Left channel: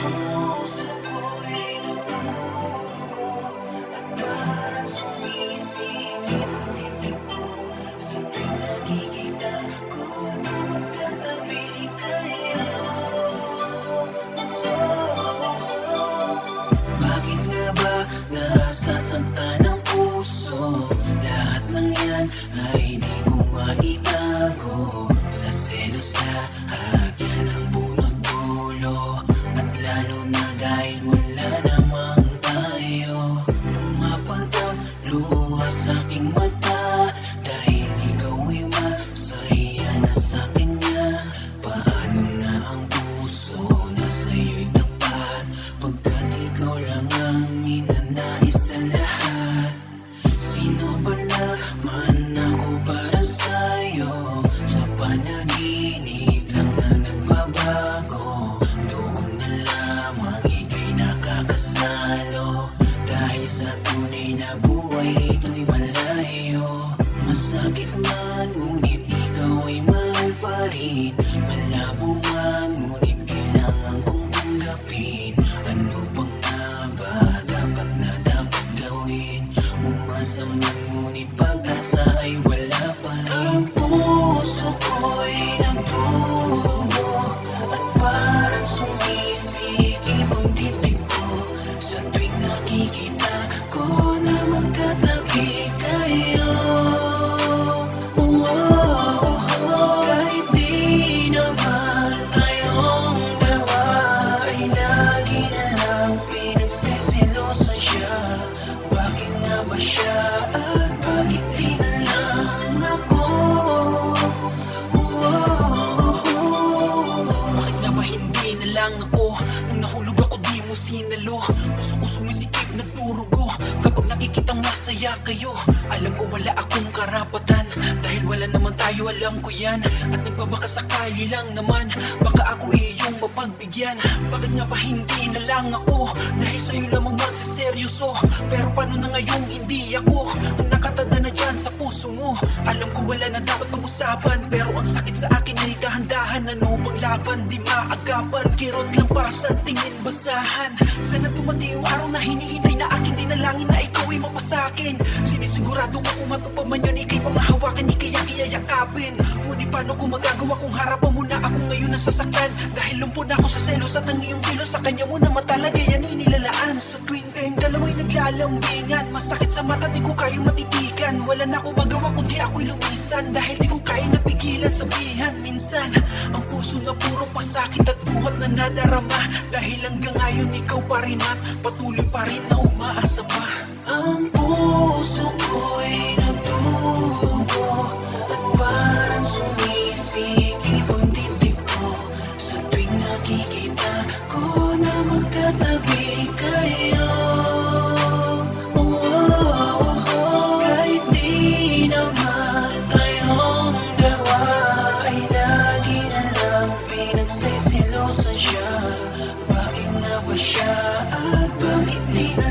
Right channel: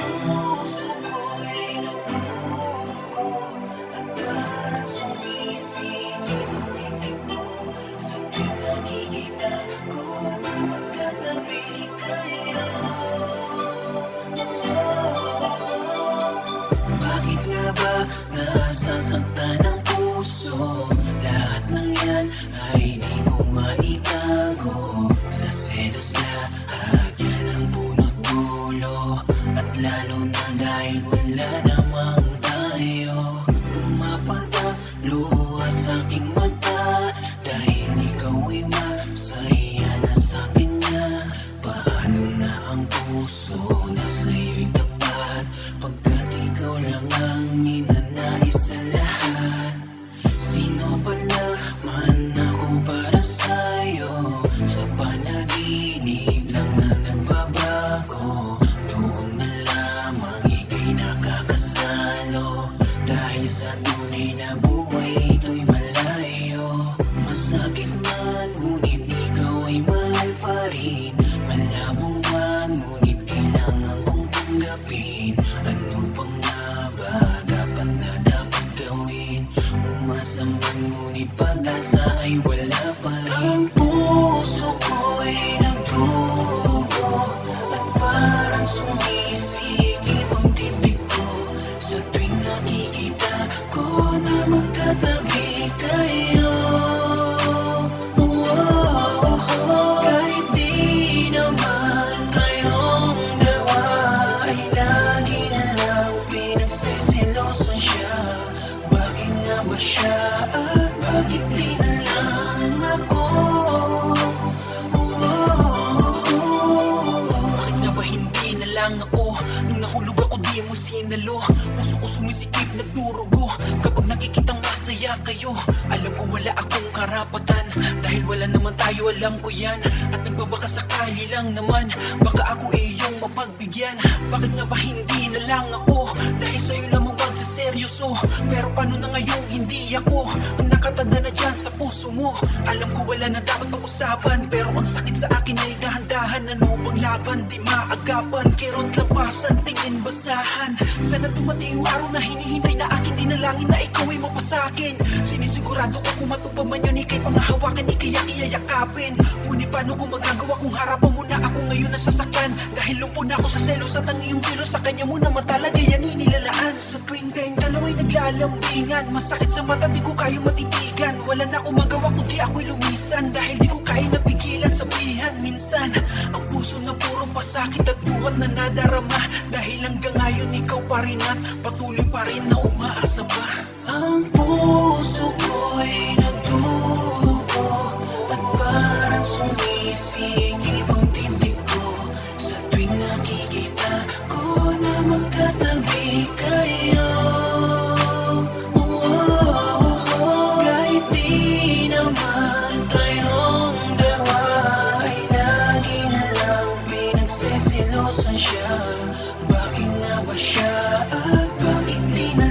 Bakit nga ba nasasaktan ang puso? Lahat ng yan ay di ko maitago. Sa selos lahat yan ang punot dulo. At lalo na dahil wala namang tayo. Pumapatalo sa aking mata dahil ikaw ay masaya na sa kanya. Paano na ang puso na sa'yo'y tapat pagkat ikaw lang ang ninanais sa lahat? Sino ba naman ako para sa'yo? Sa panaginip lang na nagbabago. Doon na lamang ika'y nakakasalo. Dahil sa tunay na buhay ito'y malayo. Masakit man ngunit ikaw ay mahal pa rin. Malabo man ngunit kailangan kong tanggapin. Ano pang nga ba dapat na dapat gawin? Umasa man ngunit pag-asa ay wala pa rin. Ang puso ko'y nagdugo at parang sumisikip ang dibdib ko sa tuwing nakikita ko na magkatabi kayo. Kahit di naman kayong dalawa ay lagi na lang pinagsisilosan siya. Bakit nga ba siya at bakit di na lang ako? Bakit nga ba hindi na lang ako? Nung nahulog ako di mo sinalo. Puso ko sumisikip nagdurugo kapag nakikitang masaya kayo. Alam ko wala akong karapatan dahil wala naman tayo, alam ko yan. At nagbabaka sakali lang naman baka ako iyong mapagbigyan. Bakit nga ba hindi na lang ako? Dahil sa'yo lamang magsiseryoso. Pero paano na ngayong hindi ako ang nakatanda na dyan sa puso mo? Alam ko wala na dapat pag-usapan, pero ang sakit sa akin ay dahan-dahan. Ano bang laban? Di maagapan. Kirot lang pasan, tingin basahan. Sana dumating yung araw na hinihintay na akin dinalangin na ikaw ay mapasakin. Sinisigurado ako matupad man yun, ikay pangahawakan, ikay yakapin. Ngunit paano ko magagawa kung harapan mo na ako ngayon nasasaktan? Dahil lumpo na ako sa selos at ang iyong kilos sa kanya mo naman talaga yan inilalaan. Sa tuwing kayong dalawa'y naglalambingan, masakit sa mata, di ko kayo matitigan. Wala na akong magawa kundi ako'y lumisan dahil di ko kaya napigilan sabihan. Minsan ang puso na puro pasakit at buhat na nadarama. Dahil hanggang ngayon ikaw pa rin at patuloy pa rin na umaasa pa. Ang puso ko'y nagdugo at parang sumisikip ang dibdib ko sa tuwing nakikita ko na magkatabi kayo. Kahit di naman kayong dalawa ay lagi na lang pinagsisilosan siya. Bakit nga ba siya at bakit di na